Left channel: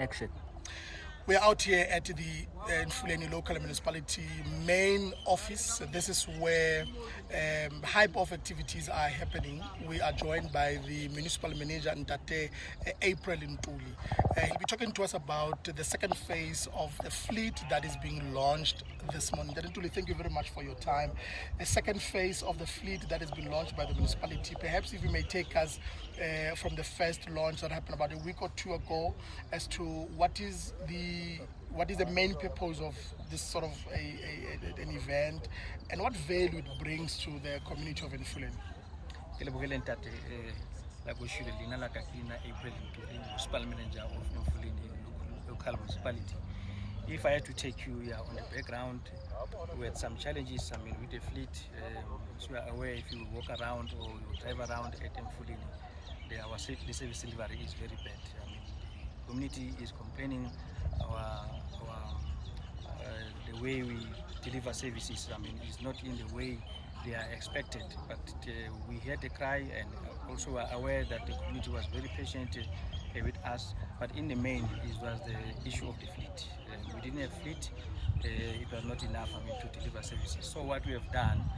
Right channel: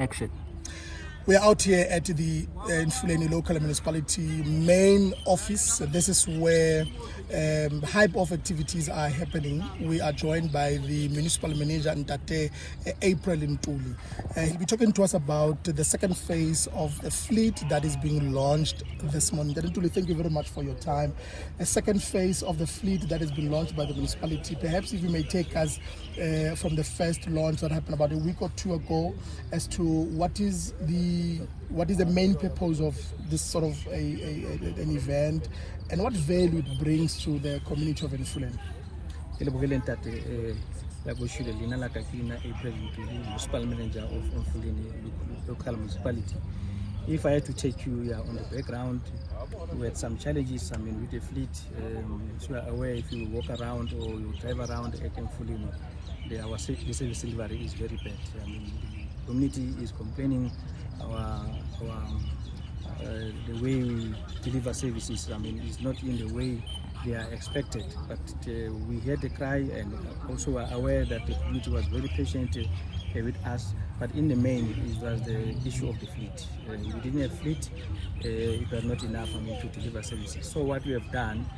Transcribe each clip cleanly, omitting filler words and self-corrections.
Action. We are out here at the Emfuleni Local Municipality main office. This is where hype of activities are happening. We are joined by the municipal manager, April Ntuli. He'll be talking to us about the second phase of the fleet that is being launched this morning. Ntuli, thank you very much for your time. The second phase of the fleet that has been launched by the municipality. Perhaps if you may take us from the first launch that happened about a week or two ago as to what is the main purpose of this sort of an event and what value it brings to the community of Emfuleni. April Ntuli, municipal manager of Emfuleni Local Municipality. If I had to take you on the background, we had some challenges. With the fleet, so we are aware if you walk around or you drive around at Emfuleni, the service delivery is very bad. The community is complaining. The way we deliver services, is not in the way they are expected. But we heard the cry, and also are aware that the community was very patient with us. But in the main, it was the issue of the fleet. We didn't have fleet. It was not enough to deliver services. So what we have done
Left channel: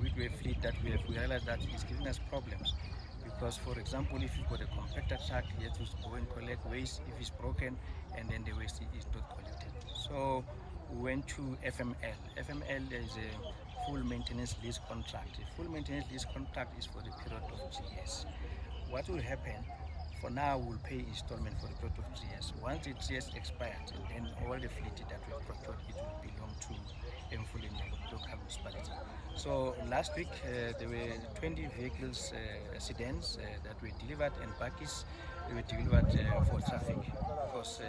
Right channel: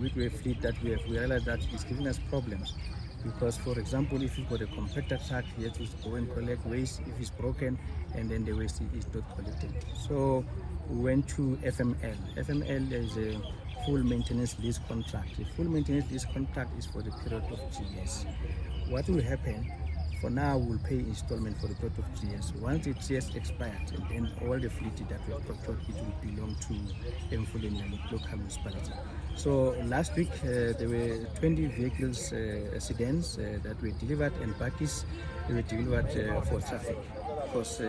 with the fleet that we realized that it's giving us problems. Because, for example, if you've got a compactor truck, you have to go and collect waste if it's broken, and then the waste is not collected. So we went to FML. FML is a full maintenance lease contract. The full maintenance lease contract is for the period of 3 years. What will happen? For now, we'll pay installment for the period of 3 years. Once the 3 years expired, and then all the fleet that we have procured, it will belong to Emfuleni Local Municipality. So last week, there were 20 vehicles, sedans that were delivered, and buggies they were delivered for traffic. Because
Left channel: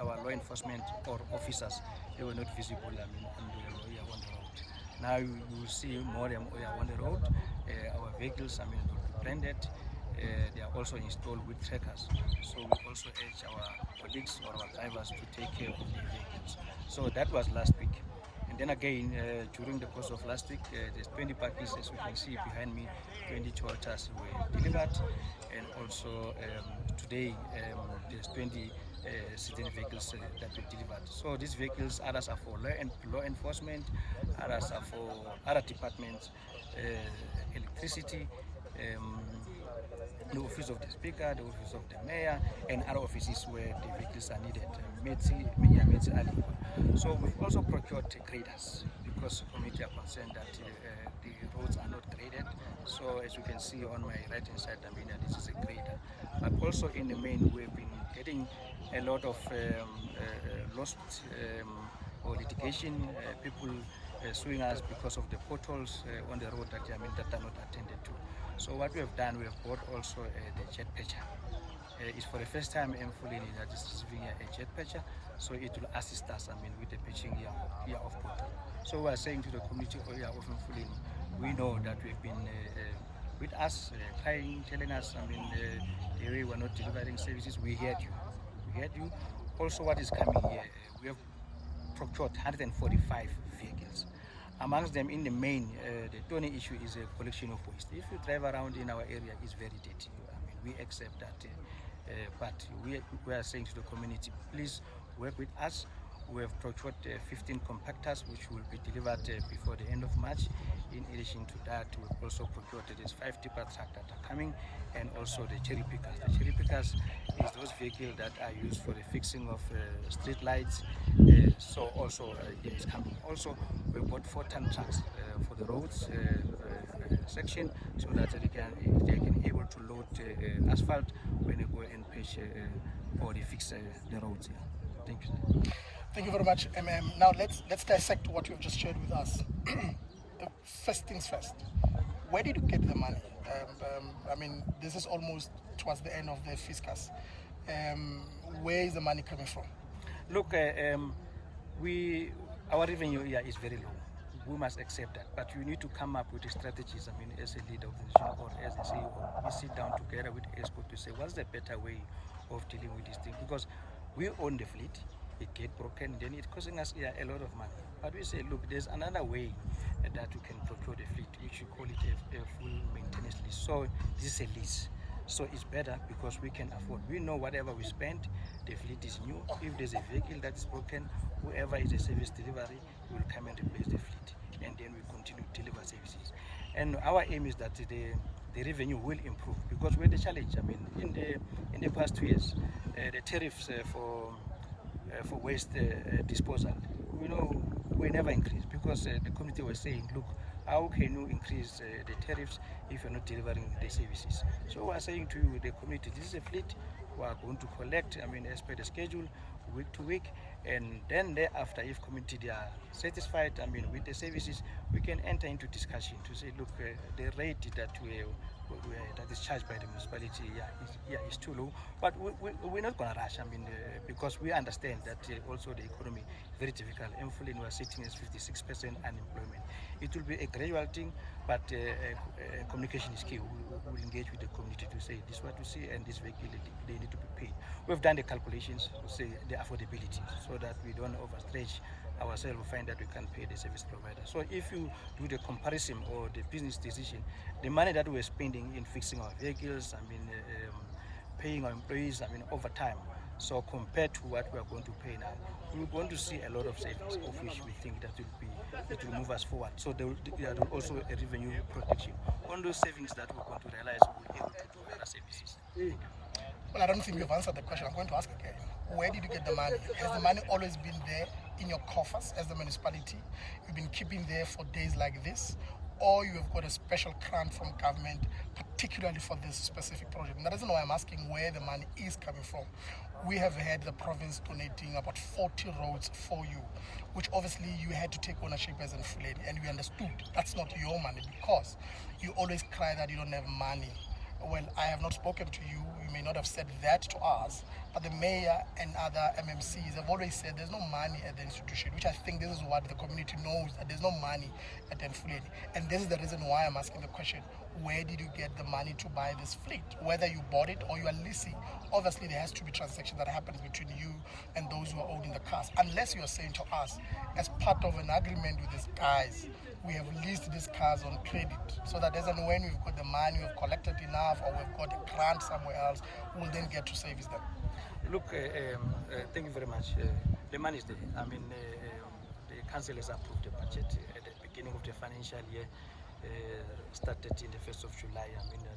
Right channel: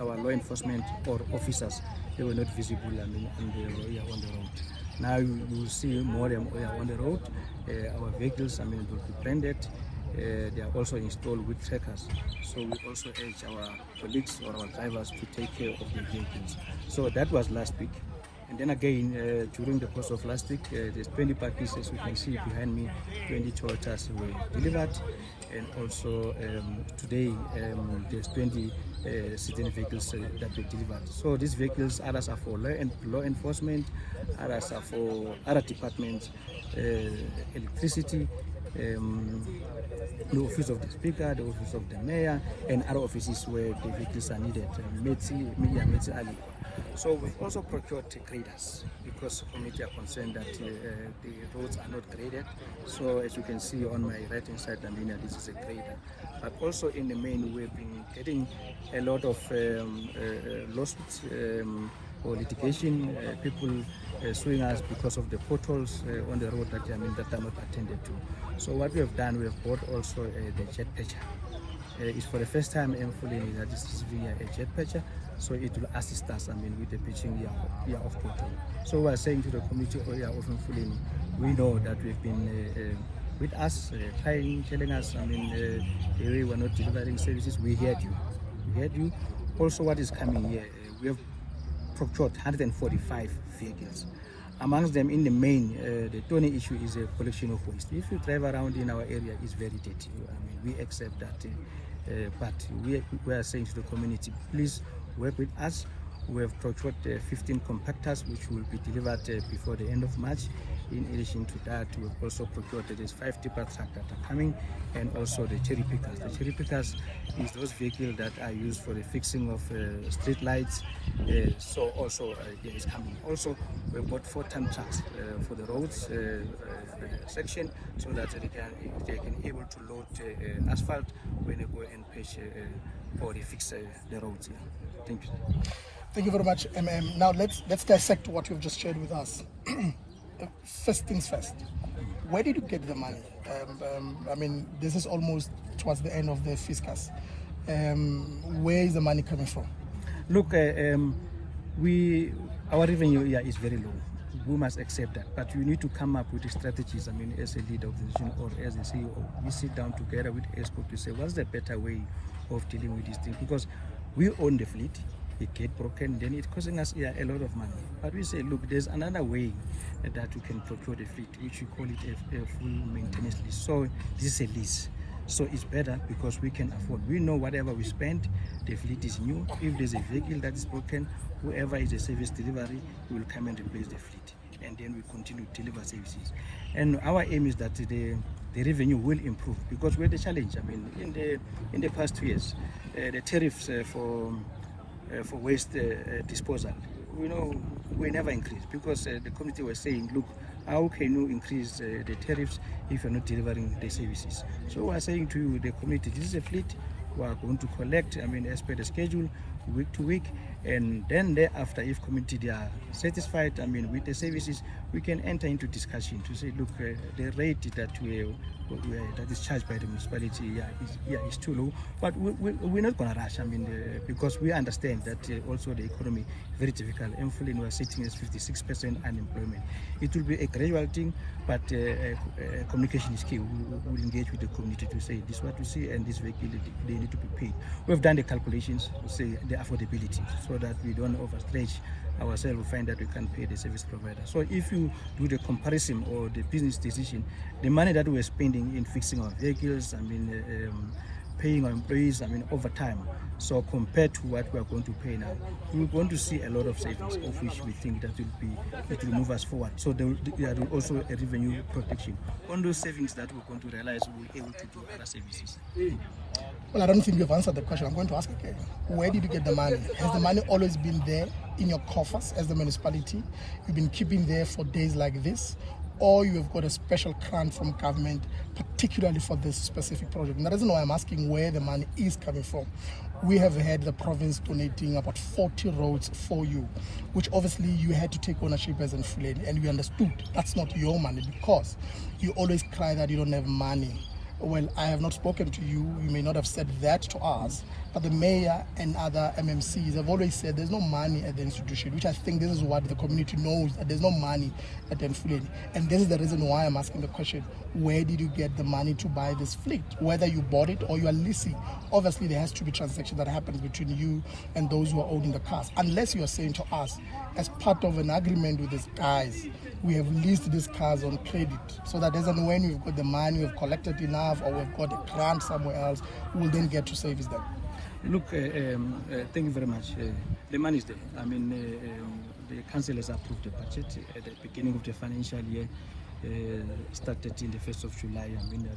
our law enforcement or officers, they were not visible on the road. Now you will see more of them on the road. Our vehicles will be branded. They are also installed with trackers. So we also urge our colleagues or our drivers to take care of their vehicles. So that was last week. And then again, during the course of last week, there's 20 packages, as you can see behind me, 20 Toyotas were delivered. And also today, there's 20 certain vehicles that were delivered. So these vehicles, others are for law enforcement, others are for other departments, electricity, the office of the speaker, the office of the mayor, and other offices where the vehicles are needed, Metsi Ali. So we've also procured graders because community are concerned that the roads are not graded. So as you can see on my right hand side, this is a grader. But also in the main, we've been getting a lot of lawsuits or litigation, people suing us because of the potholes on the road that are not attended to. So what we have done, we have bought also the jet patcher. It's for the first time Emfuleni that is receiving a jet patcher, so it will assist us with the patching here of pothole. So we are saying to the community of Emfuleni, we know that we've been with us, telling us the way we're not delivering services. We heard you. We heard you. Also, what is coming here, we have procured 145 vehicles. Amongst them, in the main, the Ntuli issue is a collection of waste. If you drive around in our area, it's very dirty. We accept that, but we are saying to the community, please work with us. We have procured 15 compactors, which will be delivered before the end of March. In addition to that, we have also procured there's 5 tipper trucks that are coming, and also the cherry pickers. The cherry pickers is those vehicles that are used for the fixing of street lights. So also it is coming. Also, we bought 4 ton trucks for the roads section, so that they can able to load asphalt when they go and patch or they fix the roads. Thank you. Thank you very much, MM. Now let's dissect what you've just shared with us. First things first, where did you get the money? This is almost towards the end of the fiscus. Where is the money coming from? Look, our revenue here is very low. We must accept that, but you need to come up with the strategies. As a leader of the nation or as a CEO, we sit down together with ESCO to say what's the better way of dealing with these things, because we own the fleet. It get broken, then it's costing us a lot of money. But we say, look, there's another way that we can procure the fleet, which we call it a full maintenance lease. So this is a lease. So it's better because we can afford. We know whatever we spend, the fleet is new. If there's a vehicle that is broken, whoever is a service delivery will come and replace the fleet, and then we continue to deliver services. And our aim is that the revenue will improve, because we're the challenge. I mean, in the past 2 years, the tariffs for waste disposal, we never increased, because the community was saying, look, how can you increase the tariffs if you're not delivering the services? So we're saying to the community, this is a fleet, we are going to collect, as per the schedule, week to week, and then thereafter, if community they are satisfied, with the services, we can enter into discussion to say, look, the rate that that is charged by the municipality is too low, but we're not going to rush. Because we understand that also the economy is very difficult. Emfuleni was sitting at 56% unemployment. It will be a gradual thing, but communication is key. We'll engage with the community to say this is what we see, and this vehicle they need to be paid. We've done the calculations to say the affordability, so that we don't overstretch ourselves. We find that we can't pay the service provider. So if you do the comparison or the business decision, the money that we're spending in fixing our vehicles, paying our employees, over time. So compared to what we're going to pay now, we're going to see a lot of savings, of which we think that it will move us forward. So there will also a revenue protection. On those savings that we're going to realize, we'll be able to do other services. Well, I don't think you've answered the question. I'm going to ask again. Where did you get the money? Has the money always been there in your coffers as the municipality? You've been keeping there for days like this? Or you have got a special grant from government, particularly for this specific project? And the reason why I'm asking where the money is coming from, we have had the province donating about 40 roads for you, which obviously you had to take ownership as Ntuli, and we understood that's not your money, because you always cry that you don't have money. Well, I have not spoken to you. You may not have said that to us, but the mayor and other MMCs have always said there's no money at the institution, which I think this is what the community knows, that there's no money at the Emfuleni. And this is the reason why I'm asking the question, where did you get the money to buy this fleet? Whether you bought it or you are leasing, obviously there has to be transaction that happens between you and those who are owning the cars. Unless you are saying to us, as part of an agreement with these guys, we have leased these cars on credit, so that doesn't, when we've got the money, we've collected enough, or we've got a grant somewhere else, we'll then get to service them. Look, thank you very much. The money is there. The council has approved the budget at the beginning of the financial year, started in the 1st of July,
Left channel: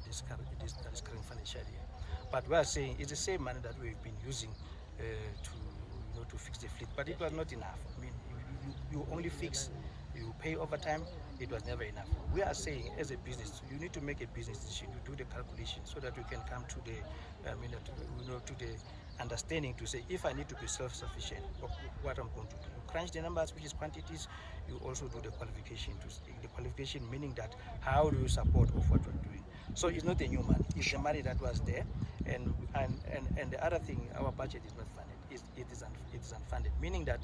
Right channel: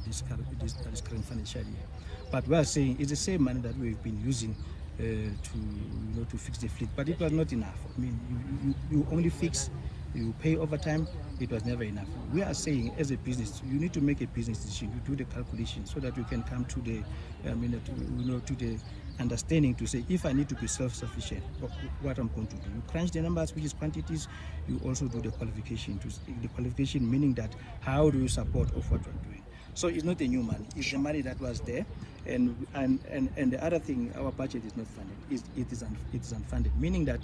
this current financial year. But we are saying it's the same money that we've been using to fix the fleet, but it was not enough. You only fix, you pay overtime. It was never enough. We are saying, as a business, you need to make a business decision. You do the calculation so that you can come to the, to the understanding to say, if I need to be self-sufficient, what I'm going to do. You crunch the numbers, which is quantities. You also do the qualification. The qualification meaning that how do you support of what you're doing. So it's not a new money. It's the money that was there, and the other thing, our budget is not funded. It is unfunded, meaning that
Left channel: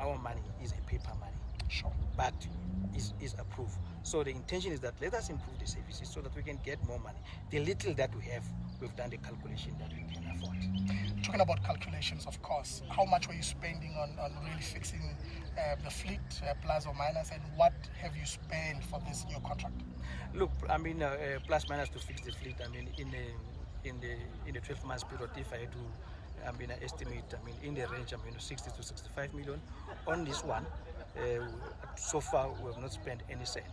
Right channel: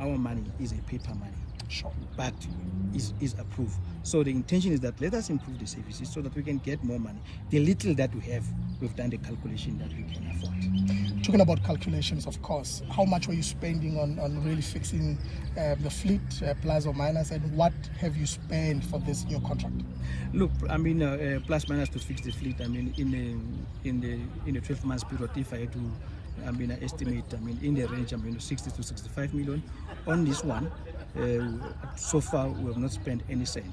our money is a paper money. Sure. But is approved. So the intention is that let us improve the services so that we can get more money. The little that we have, we've done the calculation that we can afford. Talking about calculations, of course, how much were you spending on really fixing the fleet, plus or minus, and what have you spent for this new contract? Look, plus minus to fix the fleet. In a 12 months period, if I had to, I estimate, in the range, 60 to 65 million on this one. So far, we have not spent any cent.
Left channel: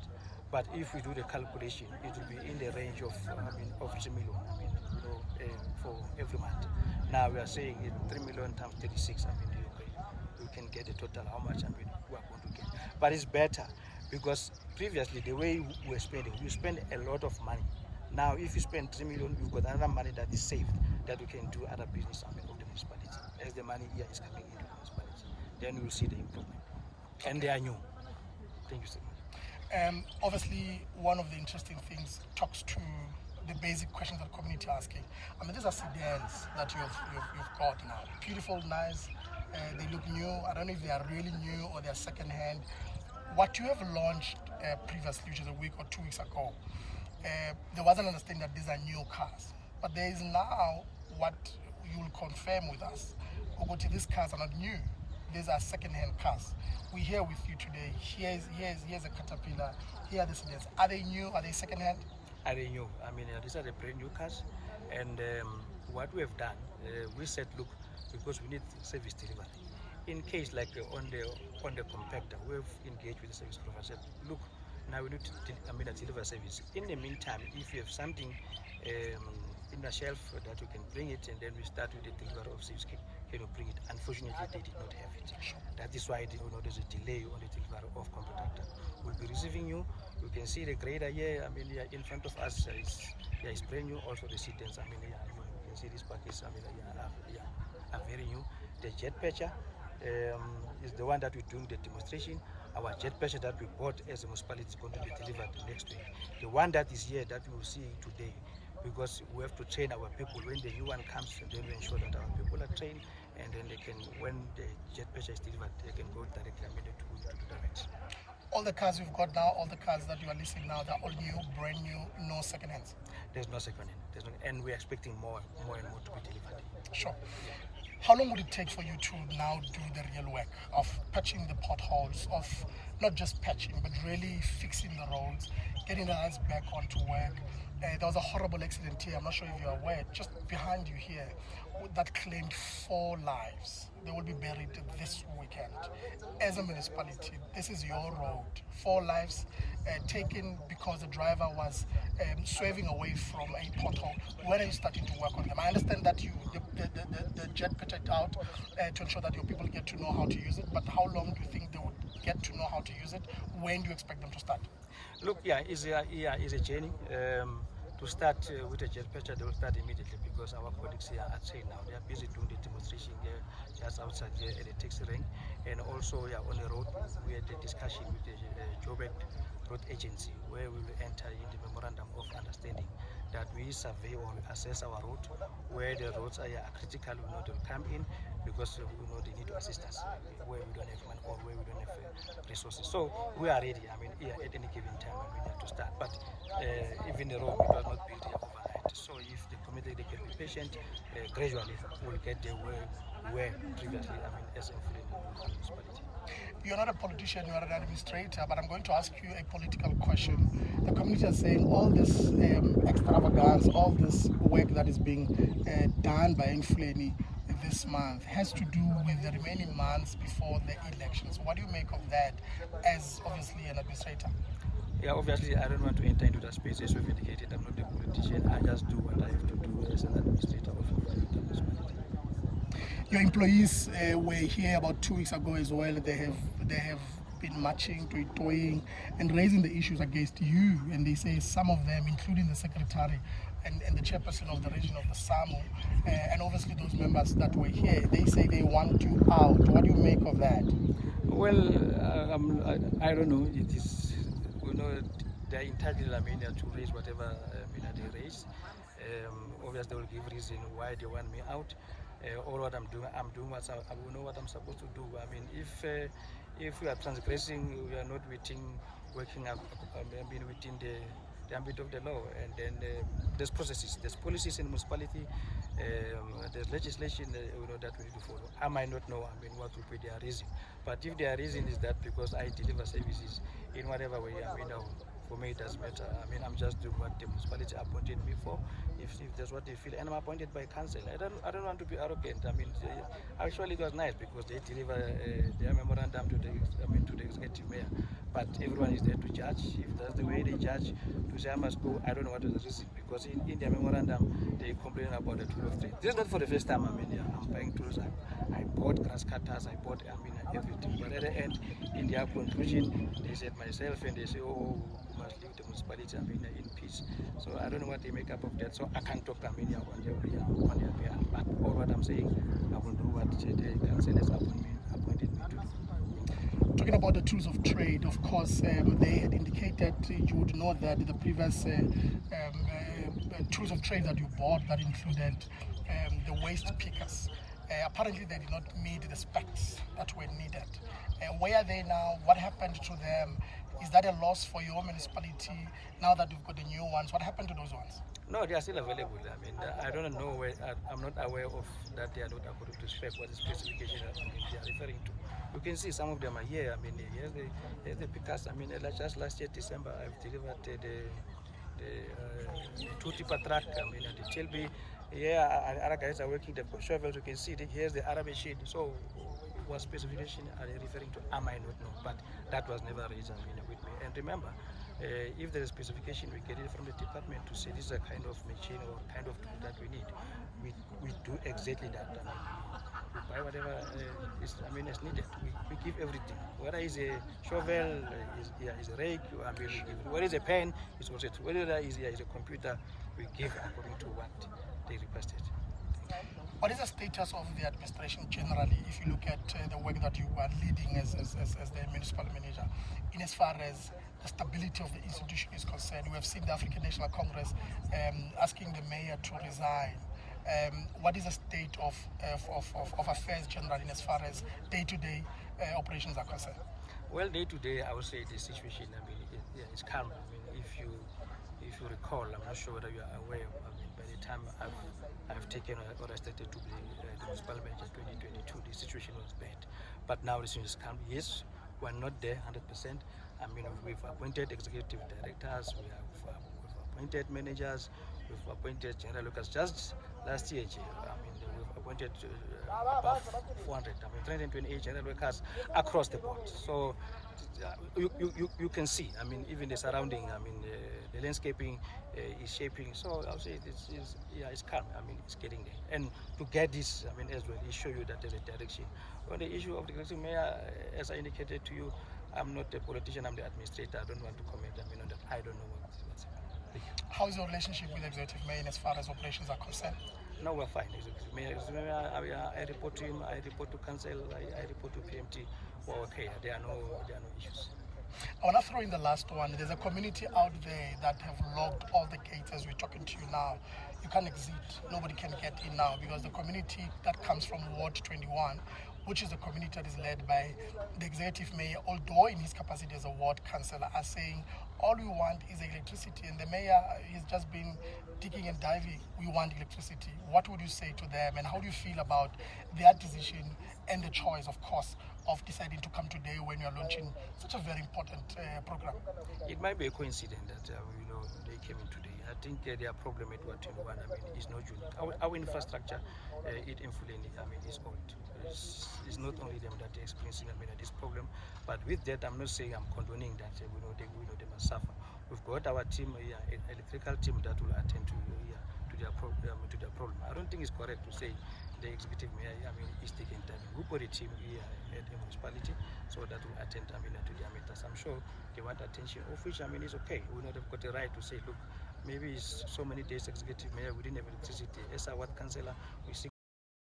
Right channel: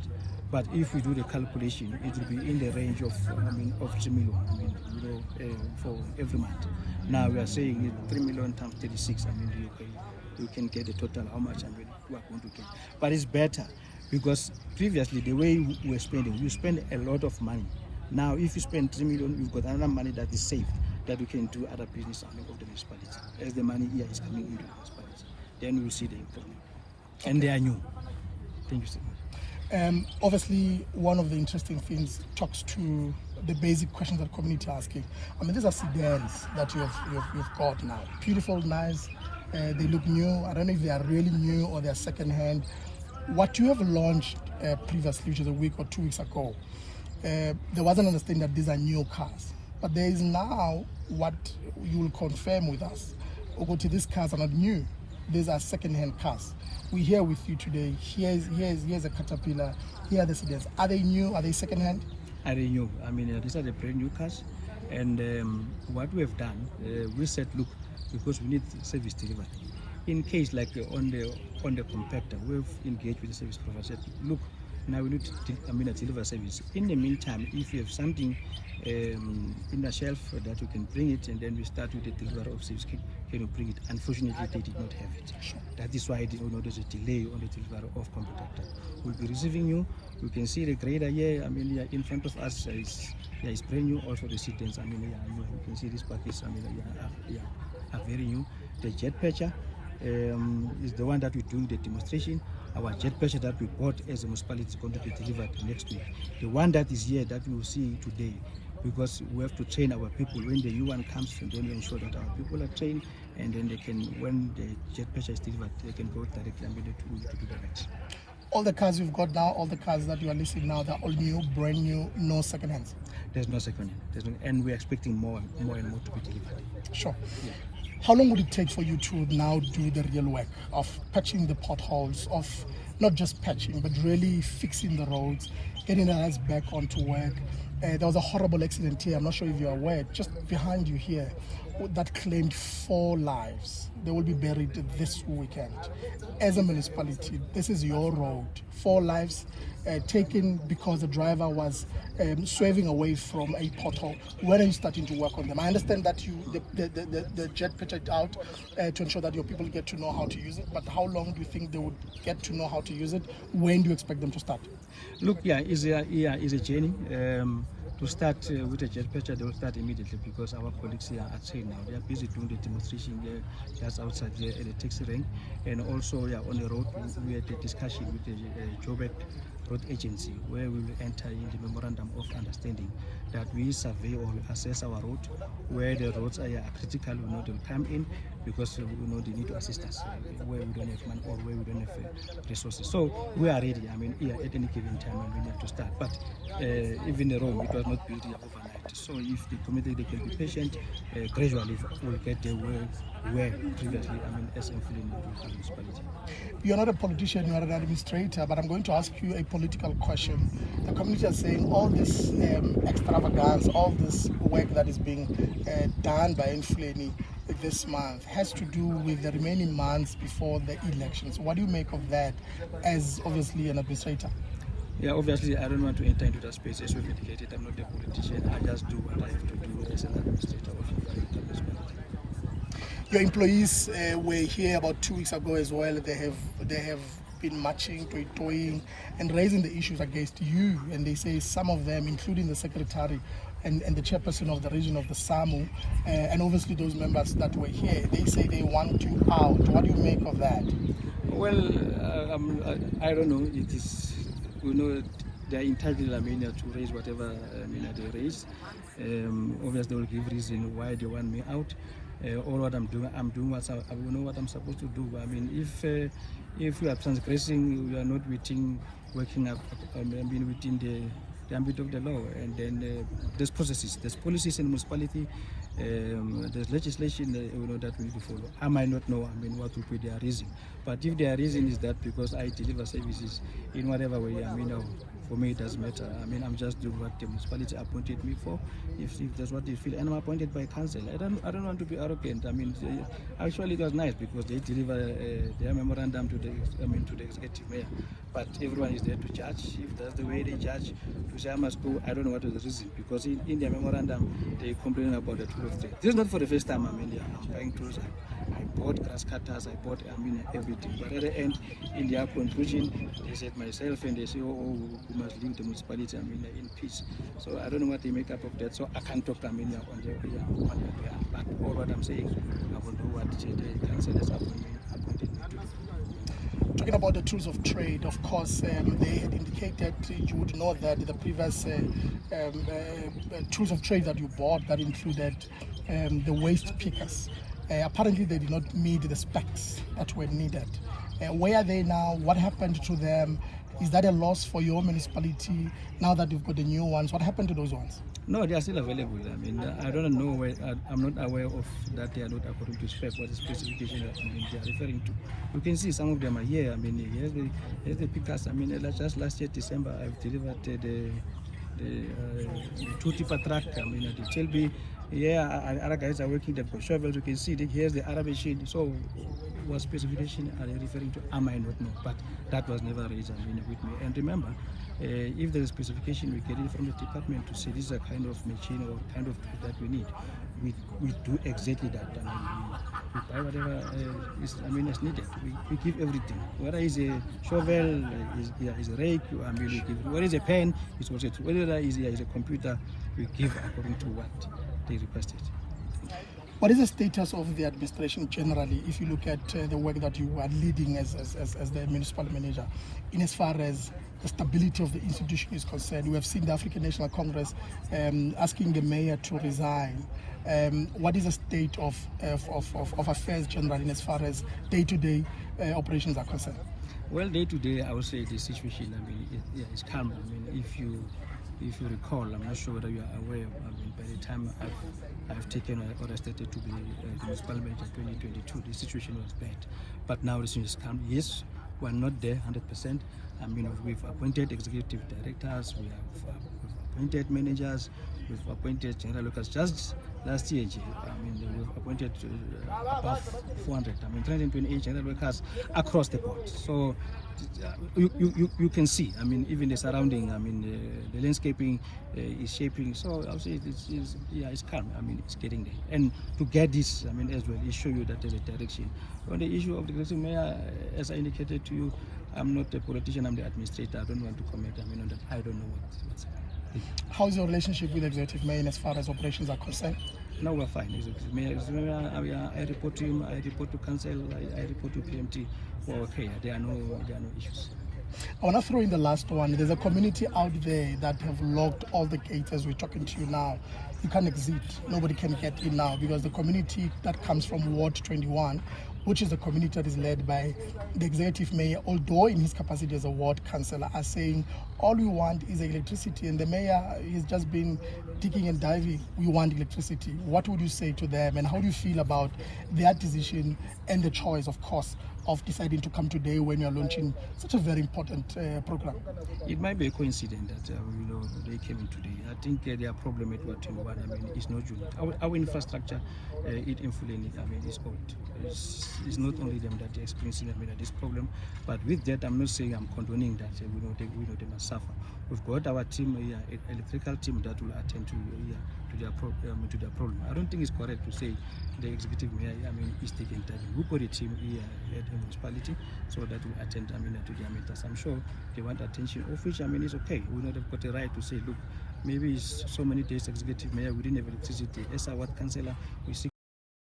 But if we do the calculation, it will be in the range of 3 million, for every month. Now we are saying 3 million times 36. You can get a total how much we are going to get. But it's better, because previously the way we were spending, we spend a lot of money. Now, if you spend 3 million, you've got another money that is saved that we can do other business of the municipality. As the money here is coming into the municipality, then we will see the improvement. Okay. And they are new. Thank you so much. Obviously, one of the interesting things talks to the basic questions that community are asking. These are sedans that you've got now. Beautiful, nice. They look new. I don't know if they are really new or they are second-hand. What you have launched previously, which is a week or 2 weeks ago, there was an understanding that these are new cars. But there is now what you will confirm with us. Ogoti, these cars are not new. These are second-hand cars. We're here with you today. Here's a Caterpillar. Here are the sedans. Are they new? Are they second-hand? Are they new? These are the brand new cars. And what we have done, we said, look, because we need service delivered. In case like on the compactor, we've engaged with the service provider. Said, look, now we need to deliver service. In the meantime, if you have something in the shelf that we can bring it, and then we start with the delivery of service. Can you bring it? Unfortunately, they did not have it. That is why there's a delay on the delivery of compactor. We'll be receiving you. You can see the grader here. In front of us is brand new. Also the seatbelts. You can see this package. Are very new. The jet patcher is the one that we're doing the demonstration. Our jet patcher that we bought as a municipality is going to be delivered next week. The one that is here that you will see today, because we have to train our people. When the new one comes, and then we ensure that our people are trained, and then they can, when the jet patcher is delivered, they can go directly to do the right. All the cars you've got now, all the cars that you are listing now, they're all new, brand new, no second hands. There's no second hand. And we're expecting more and more to be delivered. Sure. Yeah. How long would it take for you to now do the real work of patching the potholes, of not just patching, but really fixing the roads, getting the guys back onto work? There was a horrible accident here, I'm not sure if you're aware, just behind you here, that claimed 4 lives. They will be buried this weekend. As a municipality, this is your road. 4 lives taken because the driver was swerving away from a pothole. When are you starting to work on them? I understand that the jet pitched it out to ensure that your people get to know how to use it, but how long do you think they would get to know how to use it? When do you expect them to start? Look, it's a journey. To start with a jet patcher, they will start immediately because our colleagues here are trained now. They are busy doing the demonstration there, just outside here at the taxi rank. And also on the road, we had a discussion with the Joburg Road Agency, where we will enter in the memorandum of understanding that we survey or assess our road, where the roads are critical, they'll come in because they need to assist us where we don't have money or where we don't have resources. So we are ready. At any given time we need to start. But even the road, it was not built here overnight. So if the community they can be patient, gradually we'll get there where previously, as Emfuleni Municipality. You're not a politician, you're an administrator, but I'm going to ask you a political question. The community is saying all this extravagance, all this work that is being done by Emfuleni this month has to do with the remaining months before the elections. What do you make of that as obviously an administrator? Yeah, obviously I don't want to enter into that space as we've indicated. I'm not a politician. I just do what I have to do as an administrator of the municipality. Your employees were here about 2 weeks ago as well. They have been marching, toying, and raising the issues against you. And they say some of them, including the secretary and the chairperson of the region of the SAMU, and obviously those members that were here, they say they want you out. What do you make of that? Well, I don't know. It is, they are entitled, to raise whatever they raise. Obviously, they will give reason why they want me out. All what I'm doing what I know what I'm supposed to do. If you are transgressing, you are not working up, within the ambit of the law, and then there's processes, there's policies in the municipality, there's legislation that we need to follow. I might not know what will be their reason, but if their reason is that because I deliver services in whatever way, for me it doesn't matter. I'm just doing what the municipality appointed me for. If that's what they feel, and I'm appointed by council. I don't want to be arrogant. Actually it was nice because they deliver their memorandum to the executive mayor. But everyone is there to judge. If that's the way they judge, you say I must go. I don't know what is the reason, because in their memorandum they complain about the tool of trade. This is not for the first time I'm buying tools. I bought grass cutters, I bought everything. But at the end, in their conclusion, they said myself and they say, oh, we must leave the municipality in peace. So I don't know what they make up of that. So I can't talk on their behalf. But all what I'm saying, I will do what the council has appointed me to do. Talking about the tools of trade, of course, they had indicated you would know that the previous tools of trade that you bought that included the waste pickers. Apparently they did not meet the specs that were needed. Where are they now? What happened to them? Is that a loss for your municipality now that you've got the new ones? What happened to those ones? No, they are still available. I don't know where, I'm not aware of that they are not according to spec or the specification that they are referring to. You can see some of them are here. Here's the pickers. Just last year, December, I've delivered the 2-tipper truck, the Chelby Yeah, other guys are working. They've got shovels. You can see that here's the other machine. So, what specification are they referring to? I might not know, but that was never raised with me. And remember, if there's a specification, we get it from the department to say this is a kind of machine or kind of tool that we need. We do exactly that. We buy whatever is needed. We give everything. Whether it's a shovel, is a rake, we give. Whether it's a pen, it's also whether is a computer, we give according to what they requested. What is the status of the administration generally, if you look at the work that you are leading as the municipal manager, in as far as the stability of the institution is concerned? We have seen the African National Congress asking the mayor to resign. What is the state of affairs generally in as far as day-to-day operations are concerned? Well, day to day, I would say the situation, is calm. If you recall, I'm not sure whether you are aware. By the time I've taken or stated to be the municipal manager 2022, the situation was bad. But now the situation is calm. Yes, we're not there 100%. We've appointed executive directors, we've appointed managers, we've appointed general workers. Just last year, we've appointed above 400, 328 general workers across the board. So you can see, even the surrounding, the landscaping is shaping. So I'll say it's calm. It's getting there. And to get this, as well, it show you that there's a direction. On the issue of the executive mayor, as I indicated to you, I'm not a politician, I'm the administrator. I don't want to comment on that. I don't know what's happening. How's your relationship with the executive mayor as far as operations are concerned? No, we're fine. I report to him, I report to council, I report to PMT. We're okay. There are no issues. I want to throw in the last one. There's a community out there that have locked all the gates as we're talking to you now. You can't exit. Nobody can get in now because the community that comes from Ward 21, which is a community that is led by the executive mayor, although in his capacity as a ward councillor, are saying all we want is electricity, and the mayor has just been digging and diving. We want electricity. What would you say to them, and how do you feel about their decision and the choice, of course, of deciding to come today when you're launching such a very important program? It might be a coincidence that they came in today. I think their problem at Ward 21, is not unique. Our infrastructure in Emfuleni, is old. It's not only them that are experiencing this problem, but with that, I'm not saying I'm condoning that. They must suffer. We've got our team here, electrical team that will attend to their problem. I don't think it's correct to say the executive mayor is taking time. We put a team here at the municipality so that will attend to their matters. I'm sure they want attention, of which it's okay. We know they've got a right to say, look, maybe it's so many days executive mayor, we didn't have electricity. As a ward councillor, we seek